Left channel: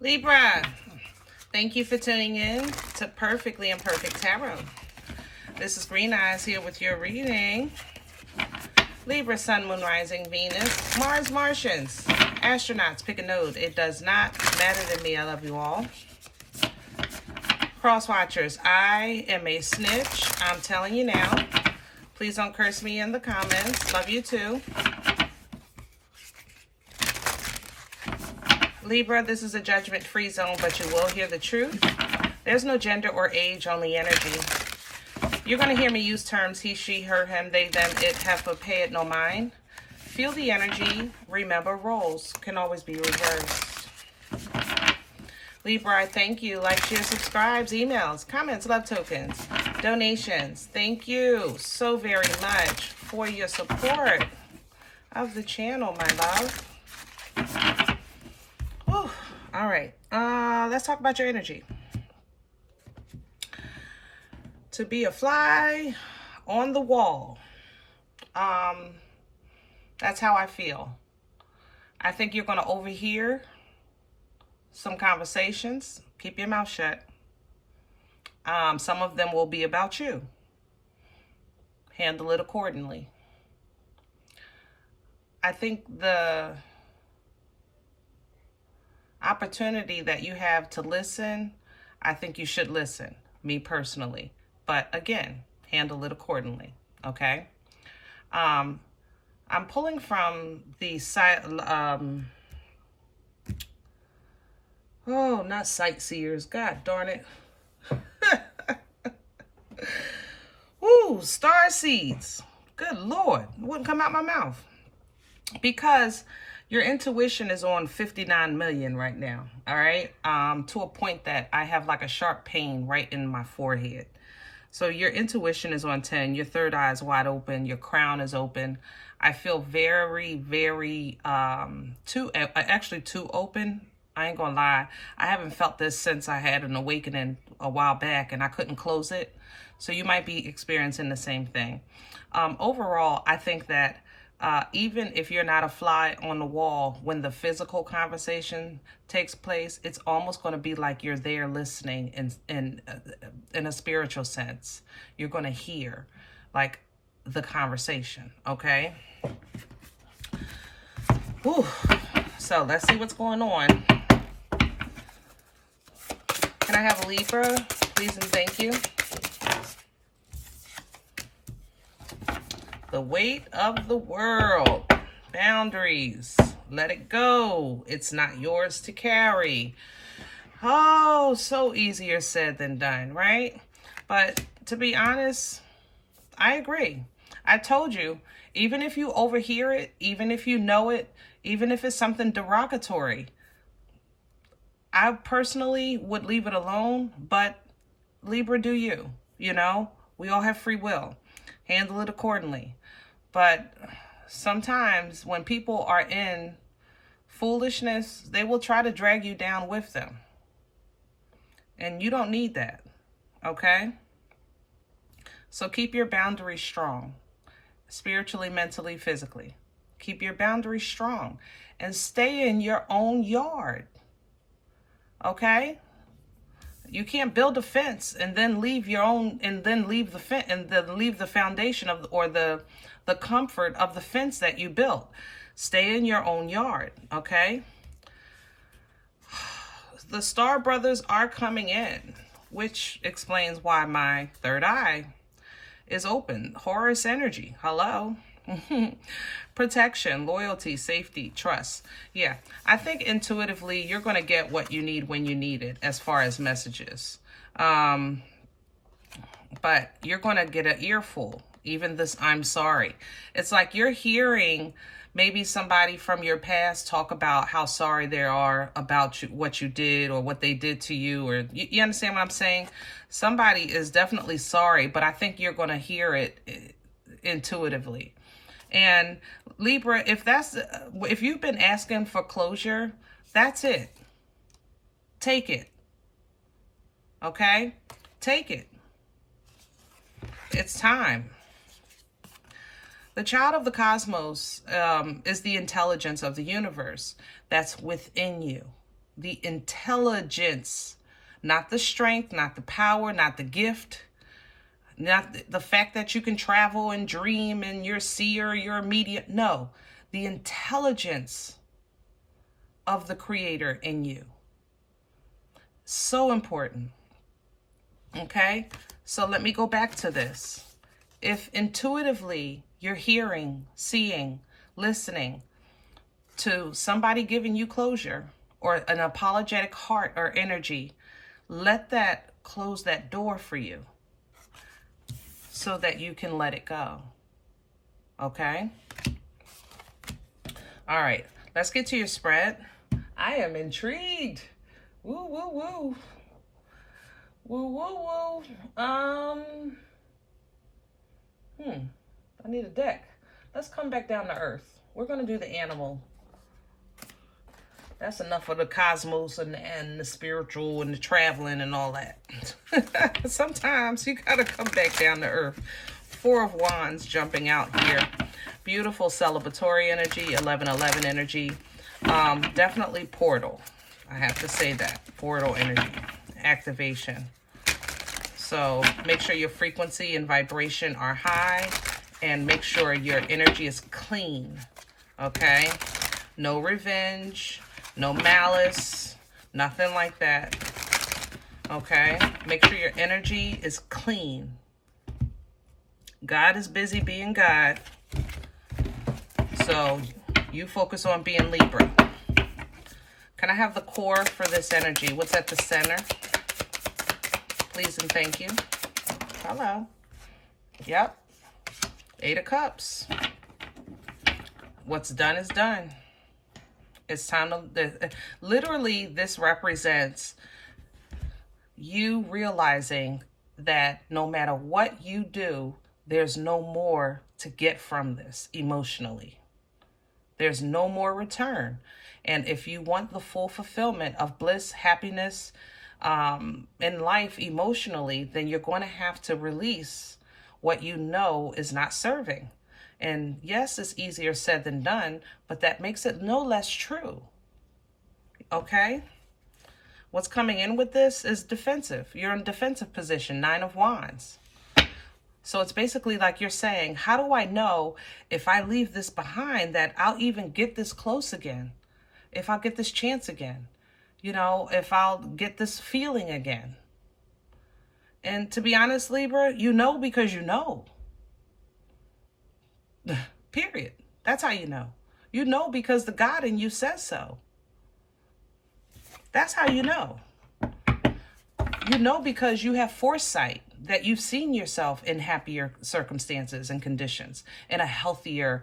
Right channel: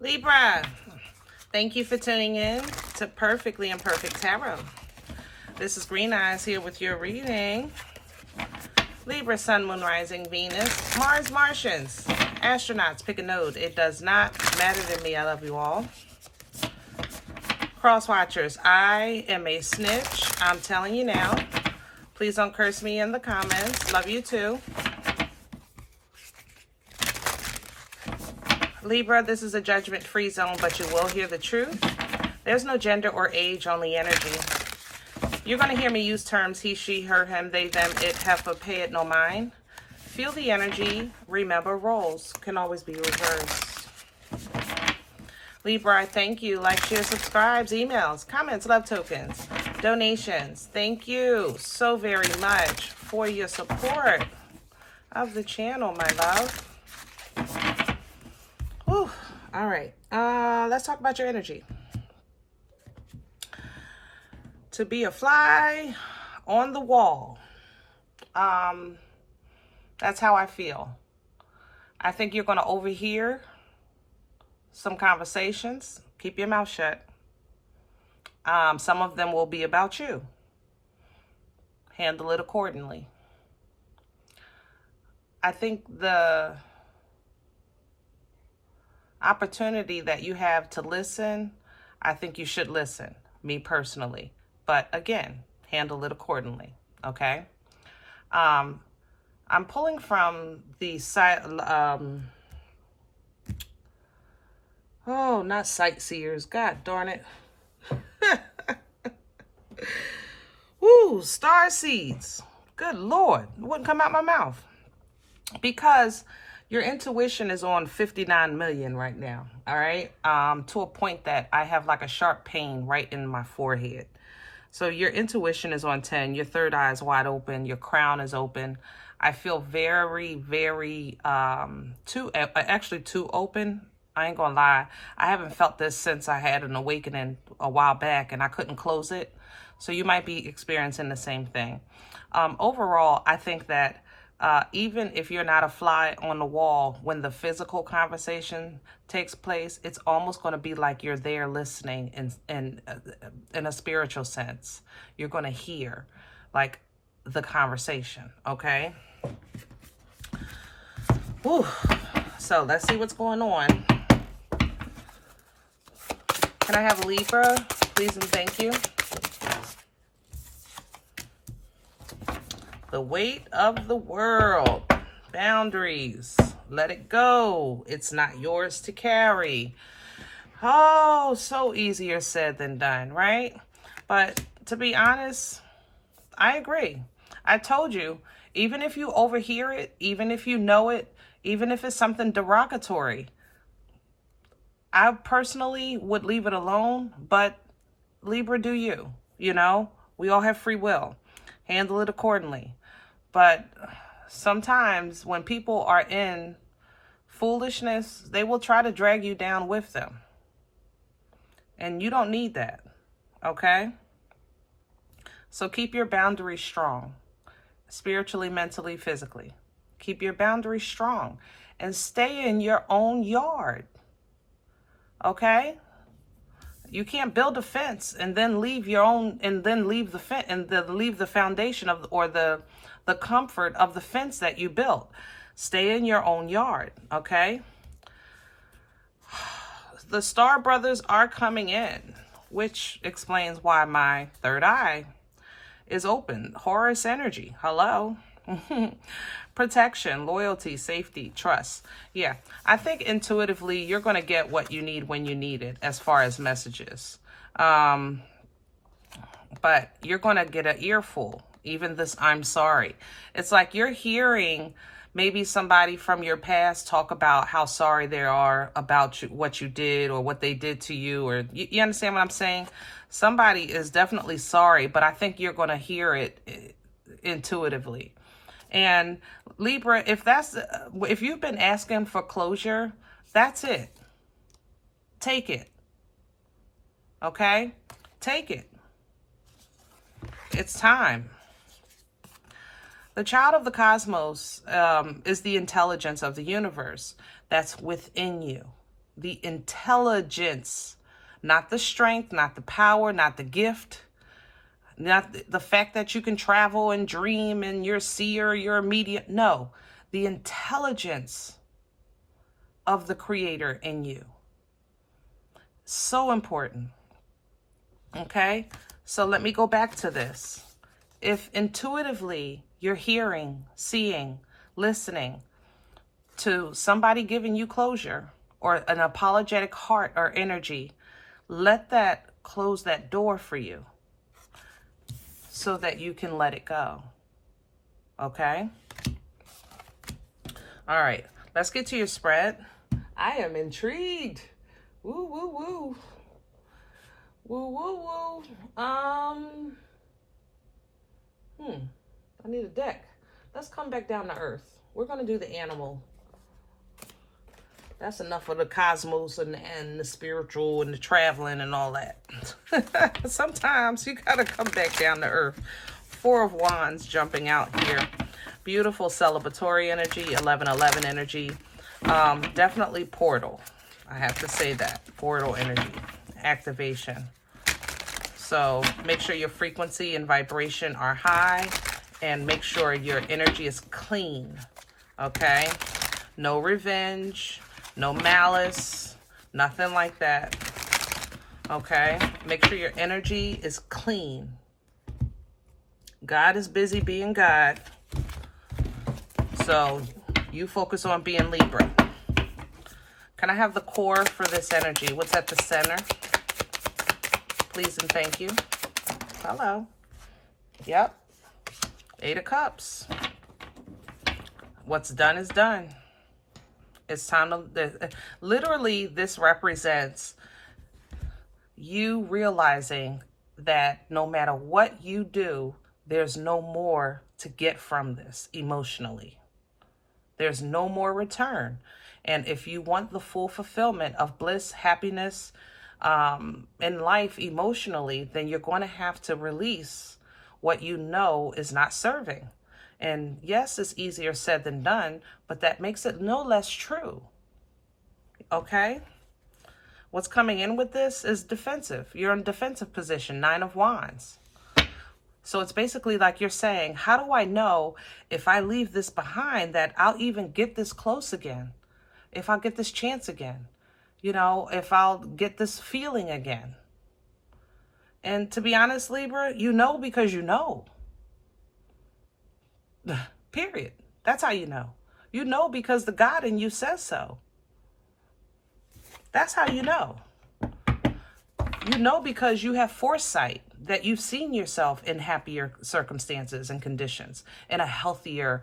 Libra, thank you for tuning in to Perfectly Imperfect Tarot. This is Green Eyes here with your reading. Libra, Sun, Moon, Rising, Venus, Mars, Martians, astronauts, pick a node. It does not matter to me. I love you all. Cross watchers, I am a snitch. I'm telling you now. Please don't curse me in the comments. Love you too. Libra, this is a judgment-free zone, but you will hear the truth. There's no gender or age on the energy. You're going to hear me use terms he, she, her, him, they, them, it, heifer, pay it, no mind. Feel the energy. Remember, roles can always be reversed. Libra, I thank you. Like, share, subscribes, emails, comments, love tokens, donations. Thank you so very much for your support of the channel, my love. Whew. All right, let's talk about your energy. To be a fly on the wall. That's how I feel. I think you're going to overhear some conversations. Keep your mouth shut. Some of them will be about you. Handle it accordingly. I think the opportunity that you have to listen, I think you should listen, me personally. But again, handle it accordingly, okay? I'm pulling from the site, oh, not sightseers, God darn it. Woo, star seeds. Good Lord, it wouldn't come out my mouth. Because your intuition is on 59 million right now, all right? To a point that I have like a sharp pain right in my forehead. So your intuition is on 10. Your third eye is wide open. Your crown is open. I feel very, very, actually too open. I ain't gonna lie. I haven't felt this since I had an awakening a while back and I couldn't close it. So you might be experiencing the same thing. Overall, I think that even if you're not a fly on the wall, when the physical conversation takes place, it's almost going to be like you're there listening in a spiritual sense. You're going to hear like the conversation, okay? Whew. So let's see what's going on. Can I have a Libra, please and thank you? The weight of the world. Boundaries. Let it go. It's not yours to carry. Oh, so easier said than done, right? But to be honest, I agree. I told you, even if you overhear it, even if you know it, even if it's something derogatory, I personally would leave it alone, but Libra, do you? You know, we all have free will. Handle it accordingly. But sometimes when people are in foolishness, they will try to drag you down with them. And you don't need that, okay? So keep your boundaries strong, spiritually, mentally, physically. Keep your boundaries strong and stay in your own yard, okay? You can't build a fence and then leave your own, and then leave the fence, and then leave the foundation of, or the comfort of the fence that you built. Stay in your own yard, okay? The Star Brothers are coming in, which explains why my third eye is open. Horus energy, hello. Protection, loyalty, safety, trust. Yeah, I think intuitively you're going to get what you need when you need it as far as messages. But you're going to get an earful. Even this, I'm sorry. It's like you're hearing maybe somebody from your past talk about how sorry they are about you, what you did or what they did to you. Or you understand what I'm saying? Somebody is definitely sorry, but I think you're going to hear it intuitively. And Libra, if you've been asking for closure, that's it. Take it. Okay? Take it. It's time. The child of the cosmos is the intelligence of the universe that's within you. the intelligence, not the strength, not the power, not the gift, not the fact that you can travel and dream and you're a seer, you're a medium. No, the intelligence of the creator in you. So important. Okay, so let me go back to this. If intuitively you're hearing, seeing, listening to somebody giving you closure or an apologetic heart or energy, let that close that door for you so that you can let it go. Okay? All right, let's get to your spread. I am intrigued. Woo, woo, woo. Woo, woo, woo. I need a deck. Let's come back down to earth. We're going to do the animal. That's enough of the cosmos and the spiritual and the traveling and all that. Sometimes you got to come back down to earth. Four of Wands jumping out here. Beautiful celebratory energy, 1111 energy. Definitely portal. I have to say that. Portal energy. Activation. So make sure your frequency and vibration are high and make sure your energy is clean. Okay? No revenge, no malice, nothing like that. Okay? Make sure your energy is clean. God is busy being God. So you focus on being Libra. Can I have the core for this energy? What's at the center? Please and thank you. Hello. Yep. 8 of Cups. What's done is done. It's time to... Literally, this represents you realizing that no matter what you do, there's no more to get from this emotionally. There's no more return. And if you want the full fulfillment of bliss, happiness, in life emotionally, then you're going to have to release what you know is not serving. And yes, it's easier said than done, but that makes it no less true. Okay? What's coming in with this is defensive. You're in defensive position, 9 of Wands. So it's basically like you're saying, how do I know if I leave this behind that I'll even get this close again? If I'll get this chance again? You know, if I'll get this feeling again. And to be honest, Libra, you know because you know. Period. That's how you know. You know because the God in you says so. That's how you know. You know because you have foresight that you've seen yourself in happier circumstances and conditions, in a healthier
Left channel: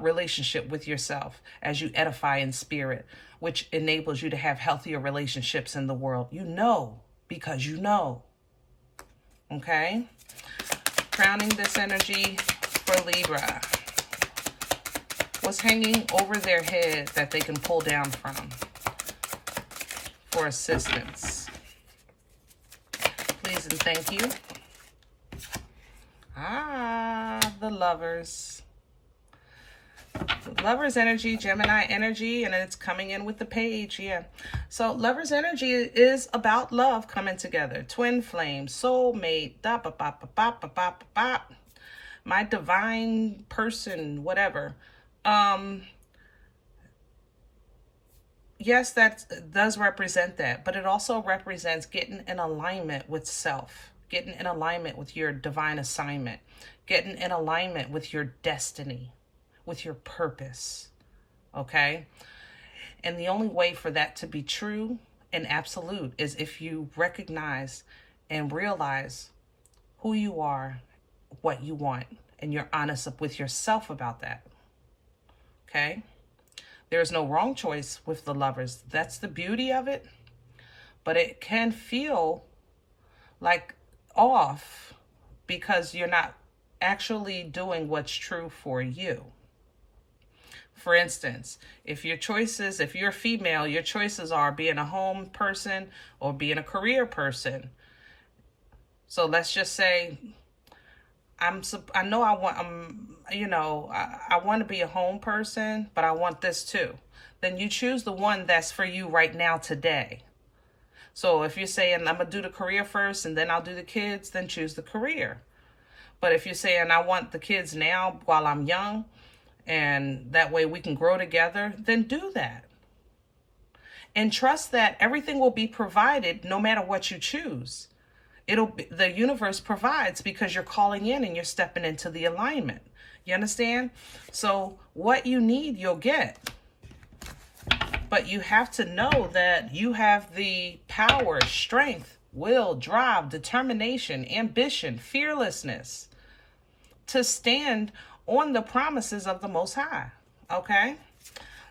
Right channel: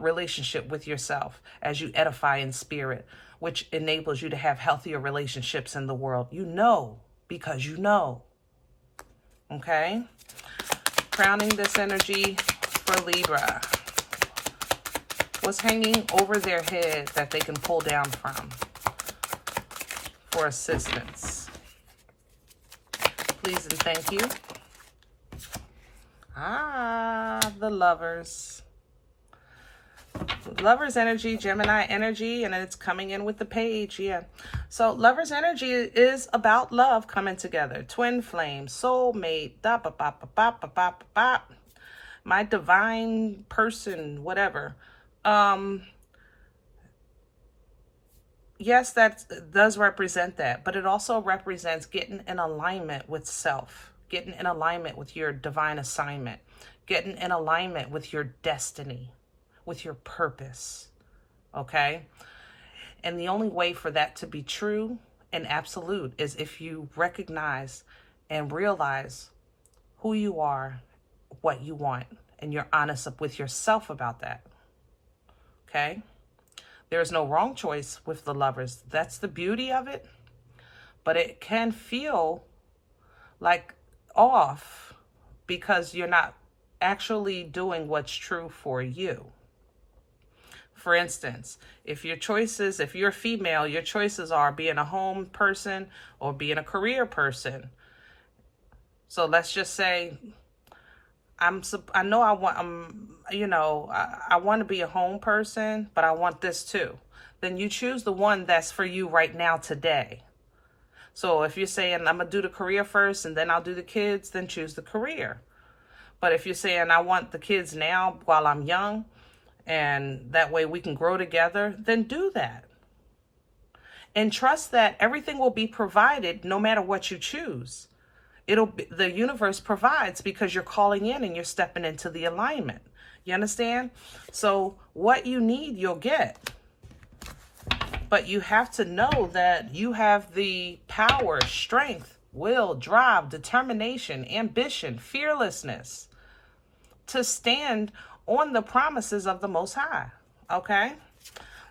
relationship with yourself as you edify in spirit, which enables you to have healthier relationships in the world. You know because you know. Okay? Crowning this energy for Libra. What's hanging over their head that they can pull down from for assistance? Please and thank you. The Lovers. Lovers energy, Gemini energy, and it's coming in with the Page, yeah. So Lovers energy is about love coming together. Twin flame, soulmate, my divine person, whatever. Yes, that does represent that, but it also represents getting in alignment with self, getting in alignment with your divine assignment, getting in alignment with your destiny, with your purpose, okay? And the only way for that to be true and absolute is if you recognize and realize who you are, what you want, and you're honest with yourself about that, okay? There's no wrong choice with the Lovers. That's the beauty of it. But it can feel like off because you're not actually doing what's true for you. For instance, if you're female, your choices are being a home person or being a career person. So let's just say, I want to be a home person, but I want this too. then you choose the one that's for you right now today. So if you're saying, I'm going to do the career first and then I'll do the kids, then choose the career. But if you're saying, I want the kids now while I'm young, and that way we can grow together, then do that. And trust that everything will be provided no matter what you choose. The universe provides because you're calling in and you're stepping into the alignment. You understand? So what you need, you'll get. But you have to know that you have the power, strength, will, drive, determination, ambition, fearlessness to stand on the promises of the Most High. Okay?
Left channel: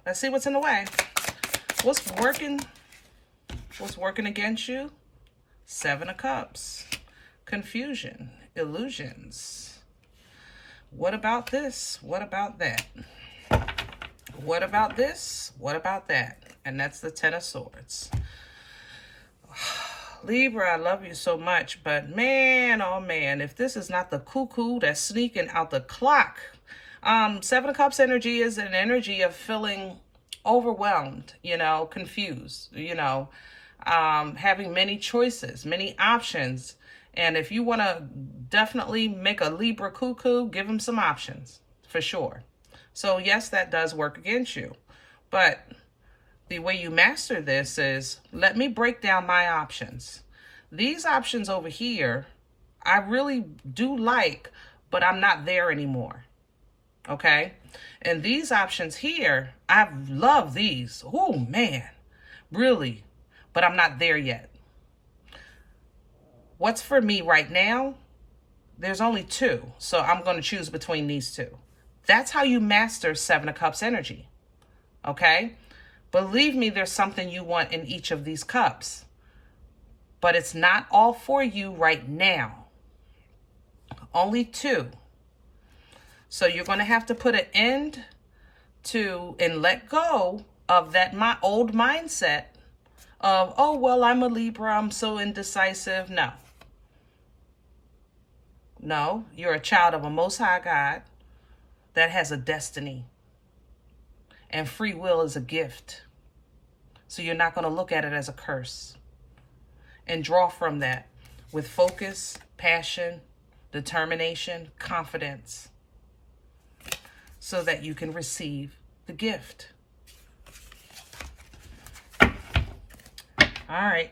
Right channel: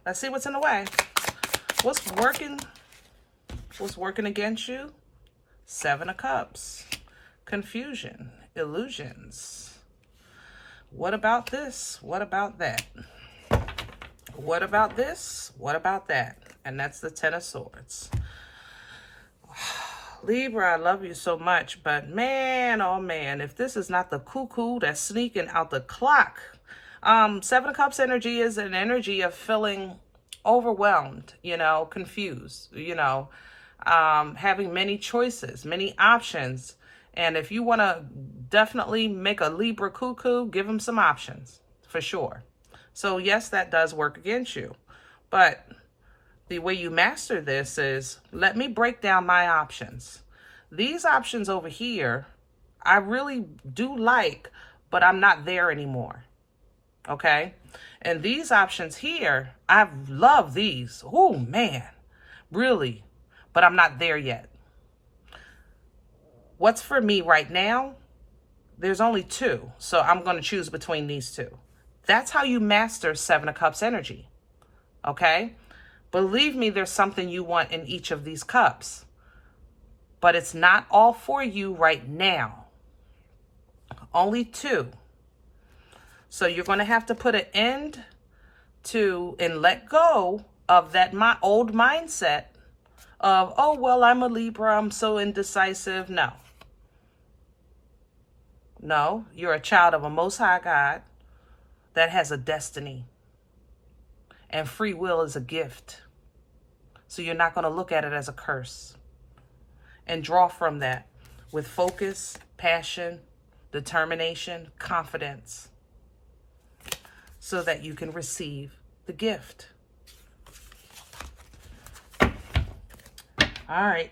Let's see what's in the way. What's working against you? 7 of Cups. Confusion. Illusions. What about this? What about that? What about this? What about that? And that's the 10 of Swords. Libra, I love you so much, but man, oh man, if this is not the cuckoo that's sneaking out the clock. 7 of Cups energy is an energy of feeling overwhelmed, confused, having many choices, many options. And if you want to definitely make a Libra cuckoo, give them some options for sure. So yes, that does work against you. But the way you master this is, let me break down my options. These options over here, I really do like, but I'm not there anymore. Okay? And these options here, I love these. Oh man, really, but I'm not there yet. What's for me right now? There's only 2, so I'm going to choose between these 2. That's how you master 7 of Cups energy. Okay? Believe me, there's something you want in each of these cups. But it's not all for you right now. Only 2. So you're going to have to put an end to and let go of that old mindset of, oh, well, I'm a Libra, I'm so indecisive. No. No, you're a child of a Most High God that has a destiny. And free will is a gift. So you're not going to look at it as a curse. And draw from that with focus, passion, determination, confidence, so that you can receive the gift. All right.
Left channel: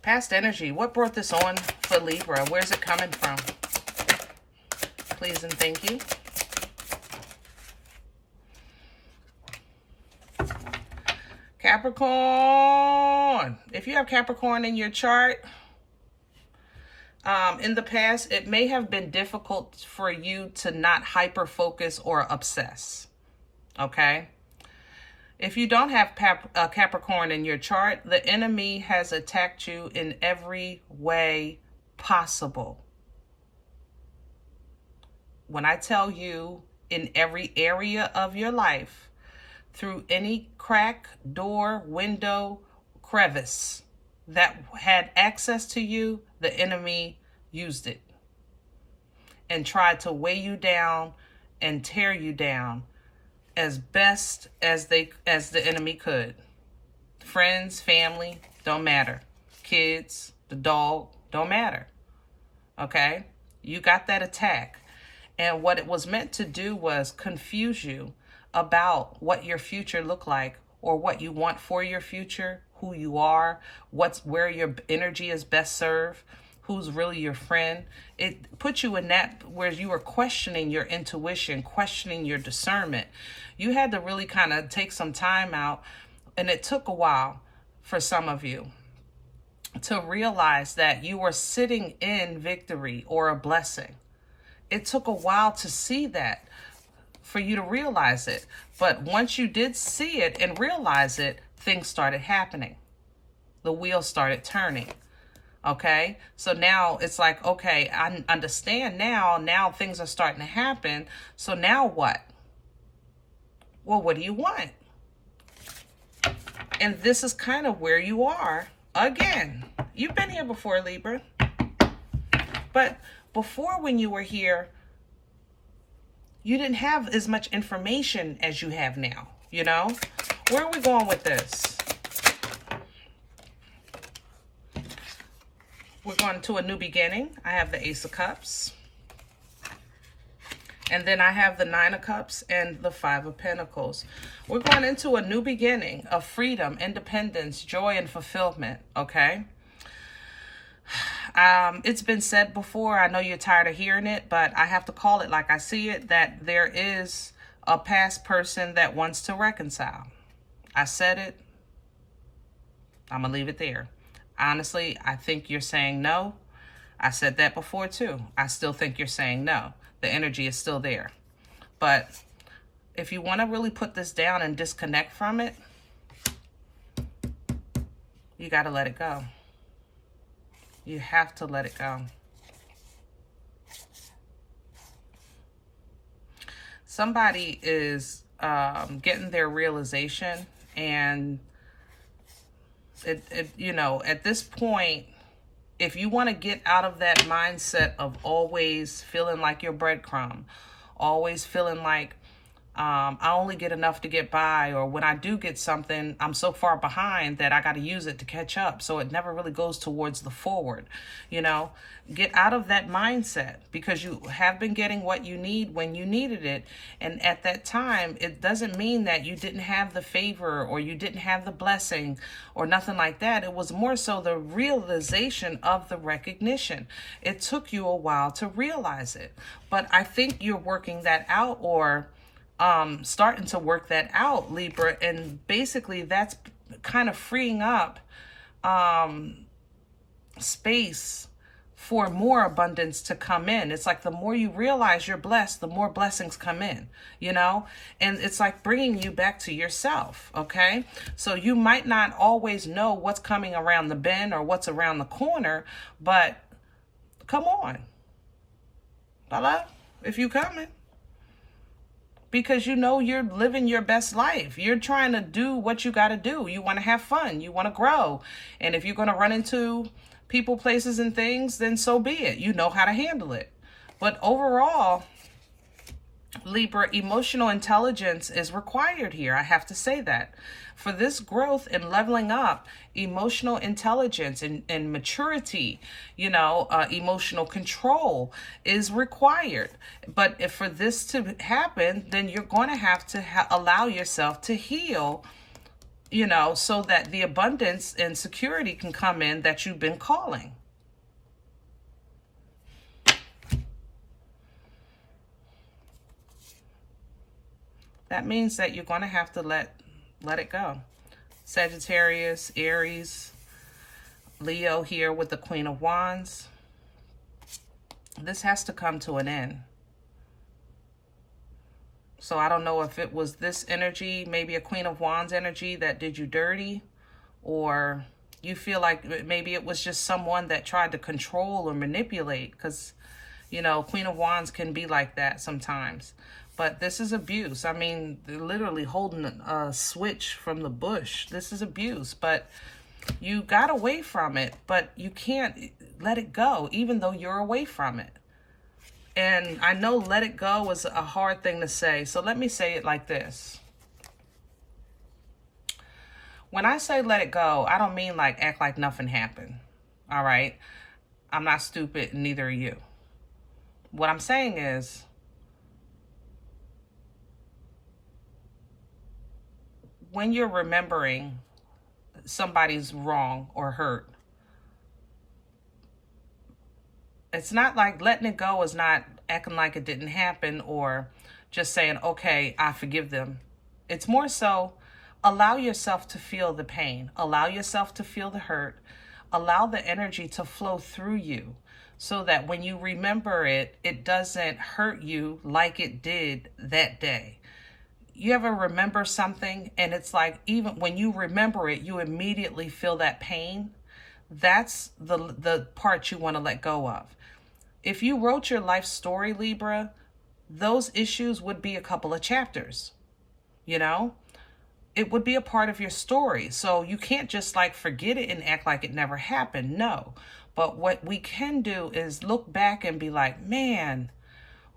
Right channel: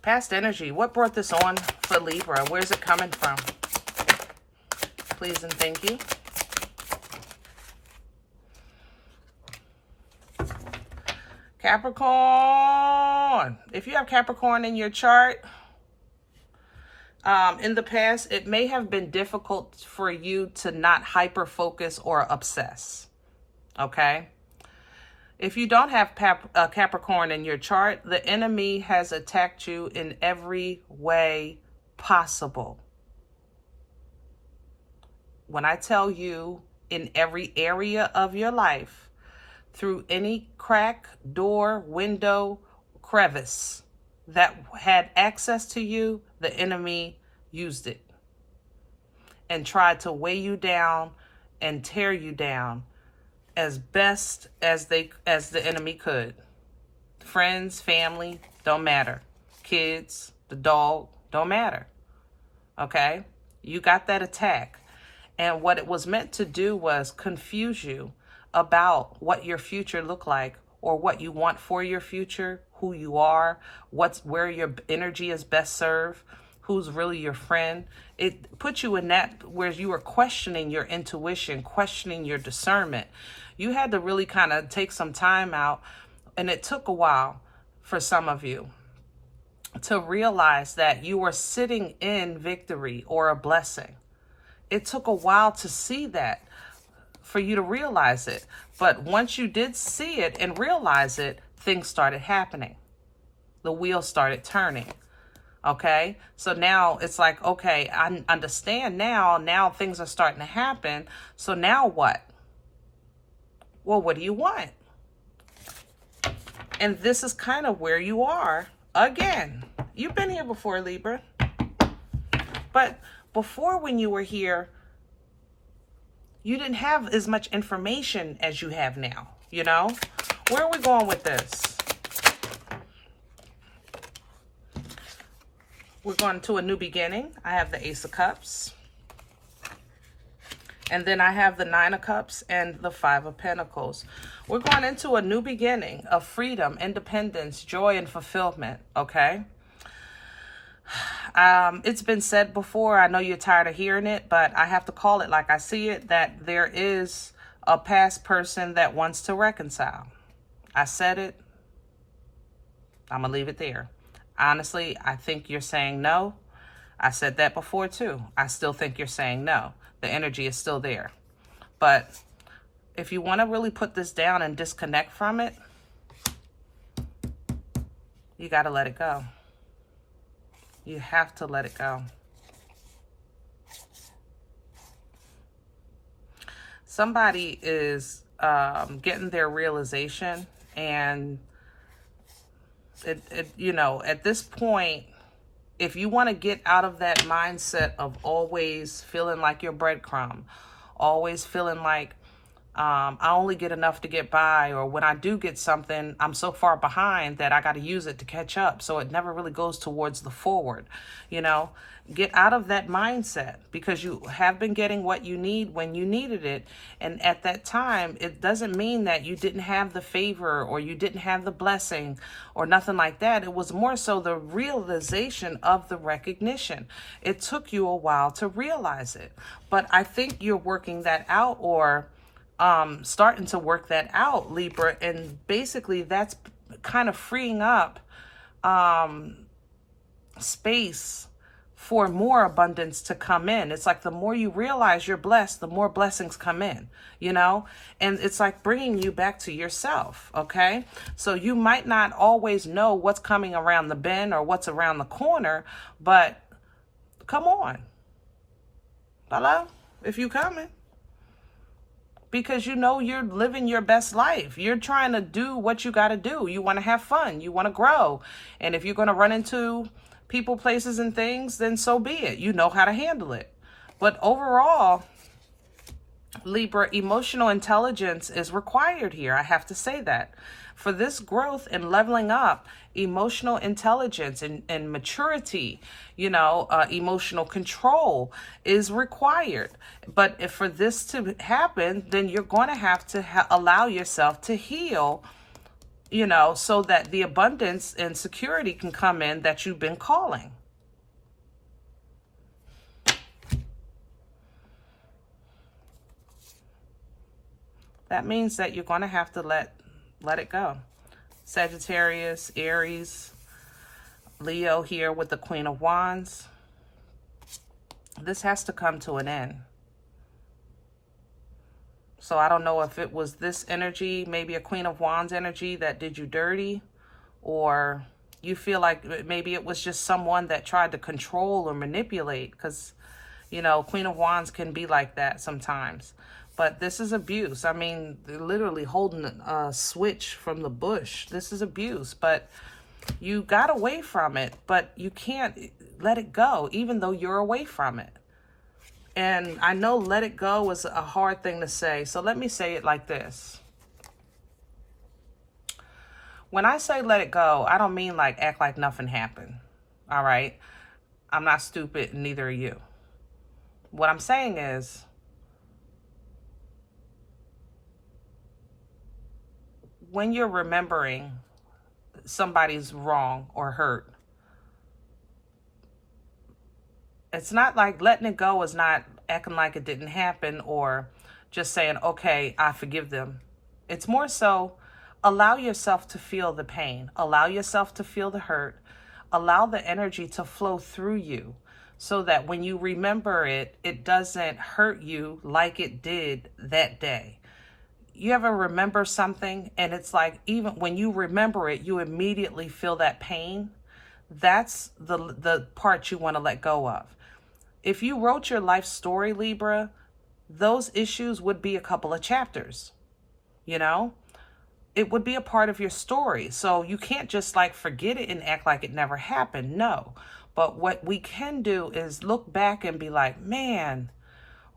Past energy. What brought this on for Libra? Where's it coming from? Please and thank you. Capricorn. If you have Capricorn in your chart, in the past, it may have been difficult for you to not hyper-focus or obsess. Okay? If you don't have Capricorn in your chart, the enemy has attacked you in every way possible. When I tell you in every area of your life, through any crack, door, window, crevice that had access to you, the enemy used it and tried to weigh you down and tear you down as best as the enemy could. Friends, family, don't matter. Kids, the dog, don't matter. Okay? You got that attack. And what it was meant to do was confuse you about what your future looked like, or what you want for your future, who you are, where your energy is best served, who's really your friend. It put you in that where you were questioning your intuition, questioning your discernment. You had to really kind of take some time out, and it took a while for some of you to realize that you were sitting in victory or a blessing. It took a while to see that, for you to realize it. But once you did see it and realize it, things started happening. The wheels started turning. Okay? So now it's like, okay, I understand now. Now things are starting to happen. So now what? Well, what do you want? And this is kind of where you are again. You've been here before, Libra. But before, when you were here, you didn't have as much information as you have now, Where are we going with this? We're going to a new beginning. I have the Ace of Cups. And then I have the Nine of Cups and the Five of Pentacles. We're going into a new beginning of freedom, independence, joy, and fulfillment, okay? It's been said before. I know you're tired of hearing it, but I have to call it like I see it, that there is a past person that wants to reconcile. I said it. I'm going to leave it there. Honestly, I think you're saying no. I said that before too. I still think you're saying no. The energy is still there. But if you want to really put this down and disconnect from it, you got to let it go. You have to let it go. Somebody is getting their realization, and you know, at this point, if you want to get out of that mindset of always feeling like you're breadcrumb, always feeling like I only get enough to get by, or when I do get something, I'm so far behind that I got to use it to catch up. So it never really goes towards the forward, you know, get out of that mindset, because you have been getting what you need when you needed it. And at that time, it doesn't mean that you didn't have the favor or you didn't have the blessing or nothing like that. It was more so the realization of the recognition. It took you a while to realize it, but I think you're working that out, or starting to work that out, Libra. And basically that's kind of freeing up space for more abundance to come in. It's like the more you realize you're blessed, the more blessings come in, you know? And it's like bringing you back to yourself, okay? So you might not always know what's coming around the bend or what's around the corner, but come on. Hello? If you coming. Because you know you're living your best life. You're trying to do what you got to do. You want to have fun. You want to grow. And if you're going to run into people, places, and things, then so be it. You know how to handle it. But overall, Libra, emotional intelligence is required here. I have to say that. For this growth and leveling up, emotional intelligence and maturity, you know, emotional control is required. But if for this to happen, then you're going to have to allow yourself to heal, you know, so that the abundance and security can come in that you've been calling. That means that you're going to have to let it go. Sagittarius, Aries, Leo here with the Queen of Wands. This has to come to an end. So I don't know if it was this energy, maybe a Queen of Wands energy that did you dirty, or you feel like maybe it was just someone that tried to control or manipulate, because, you know, Queen of Wands can be like that sometimes. But this is abuse. I mean, they're literally holding a switch from the bush. This is abuse, but you got away from it, but you can't let it go, even though you're away from it. And I know let it go is a hard thing to say, so let me say it like this. When I say let it go, I don't mean like act like nothing happened, all right? I'm not stupid, and neither are you. What I'm saying is, when you're remembering somebody's wrong or hurt, it's not like letting it go is not acting like it didn't happen or just saying, okay, I forgive them. It's more so allow yourself to feel the pain, allow yourself to feel the hurt, allow the energy to flow through you so that when you remember it, it doesn't hurt you like it did that day. You ever remember something and it's like, even when you remember it, you immediately feel that pain? That's the part you want to let go of. If you wrote your life story, Libra, those issues would be a couple of chapters, you know? It would be a part of your story. So you can't just like forget it and act like it never happened. No. But what we can do is look back and be like, man,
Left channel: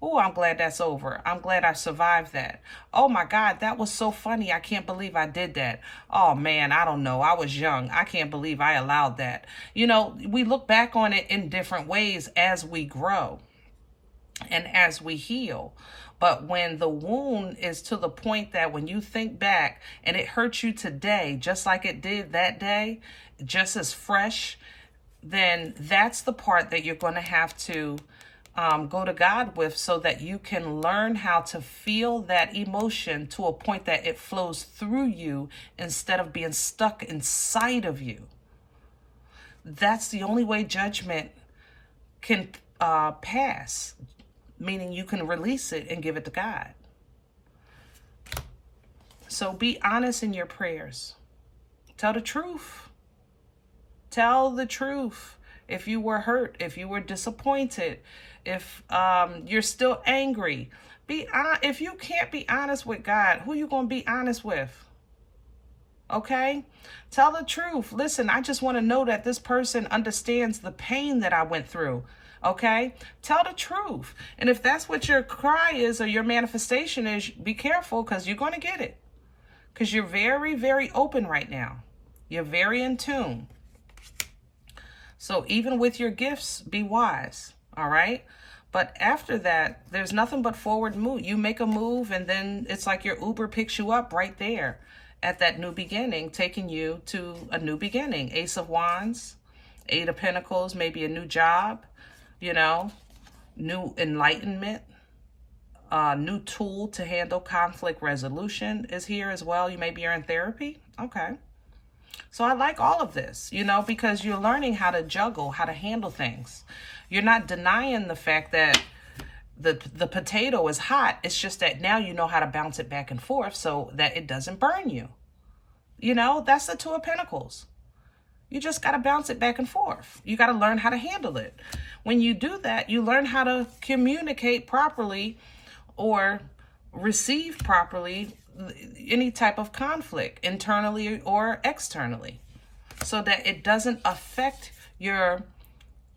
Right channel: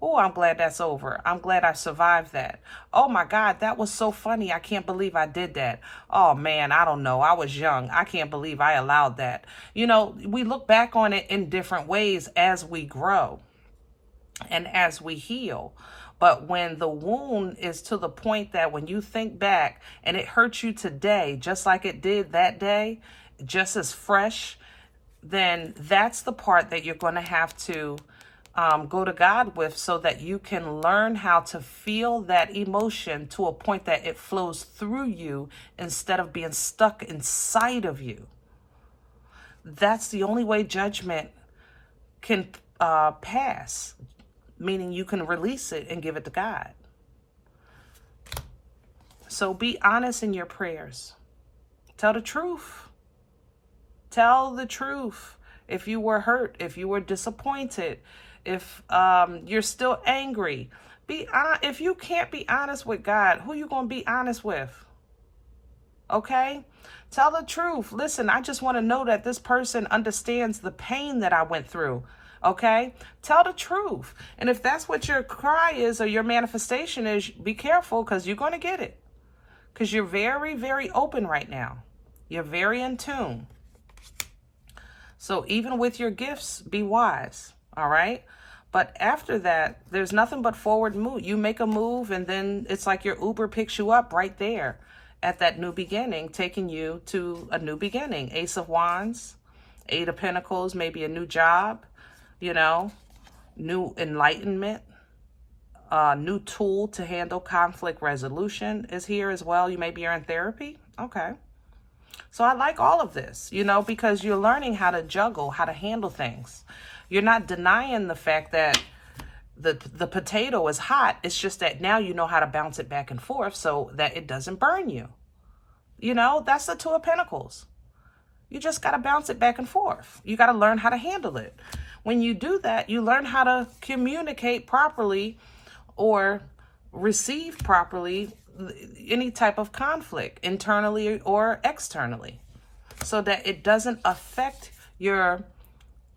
Oh, I'm glad that's over. I'm glad I survived that. Oh my God, that was so funny. I can't believe I did that. Oh man, I don't know. I was young. I can't believe I allowed that. You know, we look back on it in different ways as we grow and as we heal. But when the wound is to the point that when you think back and it hurts you today, just like it did that day, just as fresh, then that's the part that you're going to have to go to God with, so that you can learn how to feel that emotion to a point that it flows through you instead of being stuck inside of you. That's the only way judgment can pass, meaning you can release it and give it to God. So be honest in your prayers. Tell the truth. Tell the truth. If you were hurt, if you were disappointed, if you're still angry, if you can't be honest with God, who you going to be honest with? Okay? Tell the truth. Listen, I just want to know that this person understands the pain that I went through. Okay? Tell the truth. And if that's what your cry is or your manifestation is, be careful, because you're going to get it. Because you're very, very open right now. You're very in tune. So even with your gifts, be wise. All right? But after that, there's nothing but forward move. You make a move, and then it's like your Uber picks you up right there at that new beginning, taking you to a new beginning. Ace of Wands, Eight of Pentacles, maybe a new job, you know, new enlightenment, new tool to handle conflict resolution is here as well. You maybe you're in therapy. Okay. So I like all of this, you know, because you're learning how to juggle, how to handle things. You're not denying the fact that the potato is hot. It's just that now you know how to bounce it back and forth so that it doesn't burn you. You know, that's the Two of Pentacles. You just got to bounce it back and forth. You got to learn how to handle it. When you do that, you learn how to communicate properly or receive properly any type of conflict, internally or externally, so that it doesn't affect your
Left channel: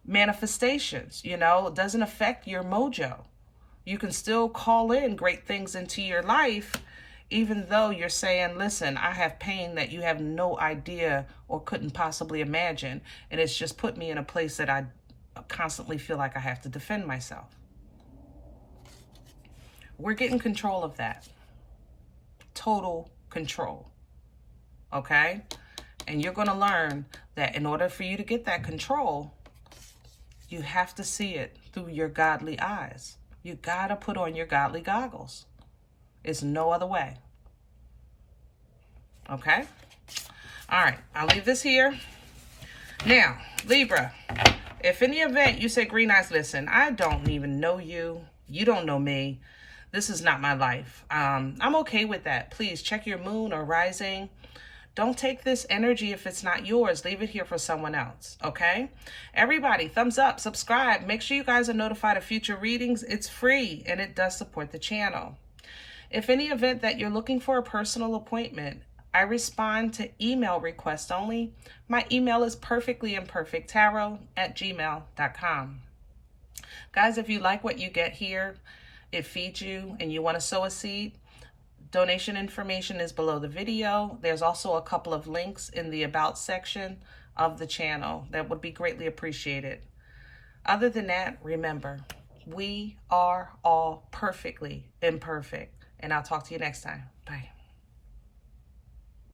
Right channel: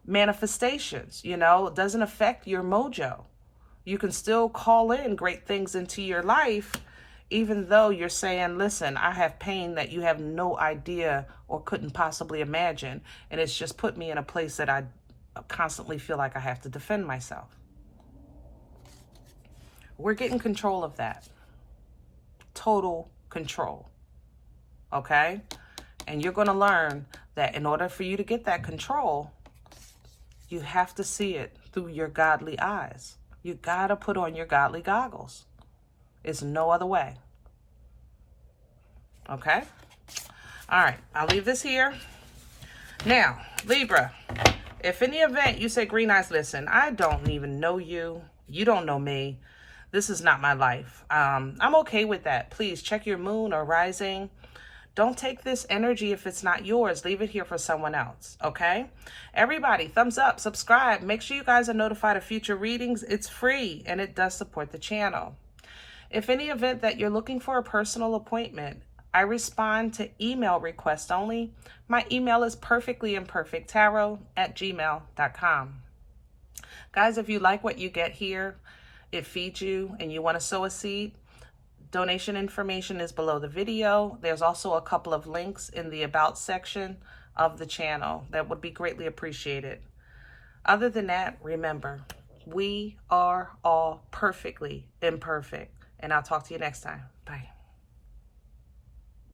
manifestations, you know, it doesn't affect your mojo. You can still call in great things into your life, even though you're saying, listen, I have pain that you have no idea or couldn't possibly imagine, and it's just put me in a place that I constantly feel like I have to defend myself. We're getting control of that. Total control. Okay? And you're going to learn that in order for you to get that control, you have to see it through your godly eyes. You got to put on your godly goggles. It's no other way. Okay? All right. I'll leave this here. Now, Libra, if in the event you say, Green Eyes, listen, I don't even know you. You don't know me. This is not my life. I'm okay with that. Please check your moon or rising. Don't take this energy if it's not yours. Leave it here for someone else, okay? Everybody, thumbs up, subscribe. Make sure you guys are notified of future readings. It's free, and it does support the channel. If any event that you're looking for a personal appointment, I respond to email requests only. My email is perfectlyimperfecttarot@gmail.com. Guys, if you like what you get here, it feeds you, and you want to sow a seed, donation information is below the video. There's also a couple of links in the About section of the channel. That would be greatly appreciated. Other than that, remember, we are all perfectly imperfect. And I'll talk to you next time.